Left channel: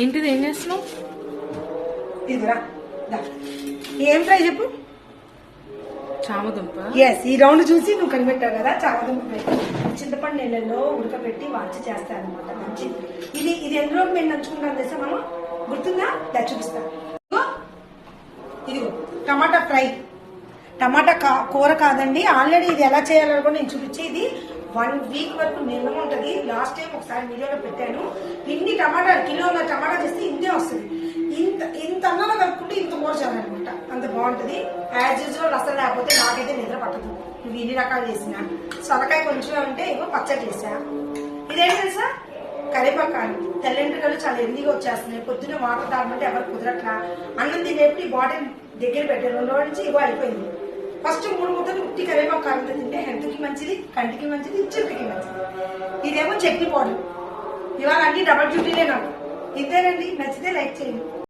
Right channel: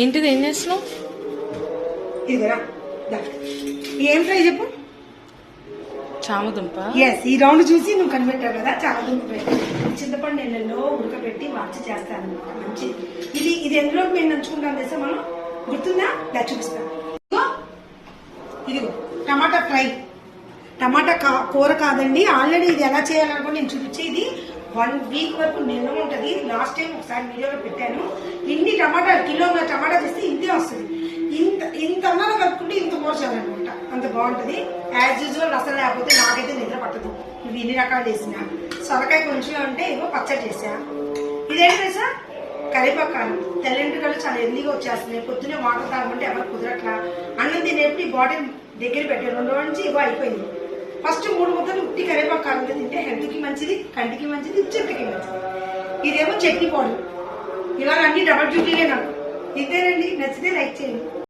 ఏంటిది? ఏం చేస్తున్నావు? ఇదిరా ఏంట్రా చెప్పు. చామదుంప. ఎస్, ఈ రౌండ్ చూసి నువ్వు కనిపెట్టావు కదా, చామదుంప పెట్టి చింతపండు నెలలో ఉడకపెట్టి మంచి చేస్తారనమాట. మంచి ఇది ఎందులోకి మేము నంచుకుంటాం తెలుసా మనం, గుర్తుందా? ఇలా చూపిస్తాను. ఇదిగో టమాటా ఫ్రై, టమాటా కూర కాదండి. ఆల్రెడీ ఇది ఎలా చేయాలో కూడా నేను చూపించేది 1 వీక్ వరకు నిల్వ ఉంటుంది. లాస్ట్ టైం ఒకసారి వీడియోలో పెట్టాను. ఇన్ని టమాటా కిలో టమాటా చేస్తే ఇంతే వస్తుంది. ఇంత అన్నంలో కలుపుకుంటే ఇంత కూర చాలన్నమాట, అంత బాగుంటుంది. యాజ్ యూజువల్ రసం లేకపోతే నాకైతే నిద్ర పట్టదు. ఇవి ఇన్ని రకాలు చేసిన సొరకాయ కొంచెం అంటే ఏమో పచ్చడి చేసా. ఇదేంటి తెలుసా, కరివేపాకు. తెల్లంటికలు చాలా ఎల్లిగా వచ్చేస్తున్నాయి. పొద్దున్నే వాటర్ తాగమంటే ఎవరు కుదరట్లా. అన్నం తినేప్పుడు ఈ బాటిల్ దగ్గర పెట్టాను. 2 రోజుల నుంచి ఇగో అయిపోయింది. ఫస్ట్ 3 ముద్దలు ఉట్టి కరివేపాకు కారంతో తింటే హెల్త్కి మంచిది, కంటికి మంచిది, చెట్టుకి మంచిది. ఇదేమో చట్నీ పౌడర్. ఇలాగ అన్ని డబల్ డ్యూటీనే నాకు. ఇంతేనండి, నచ్చితే లైక్ చేయండి.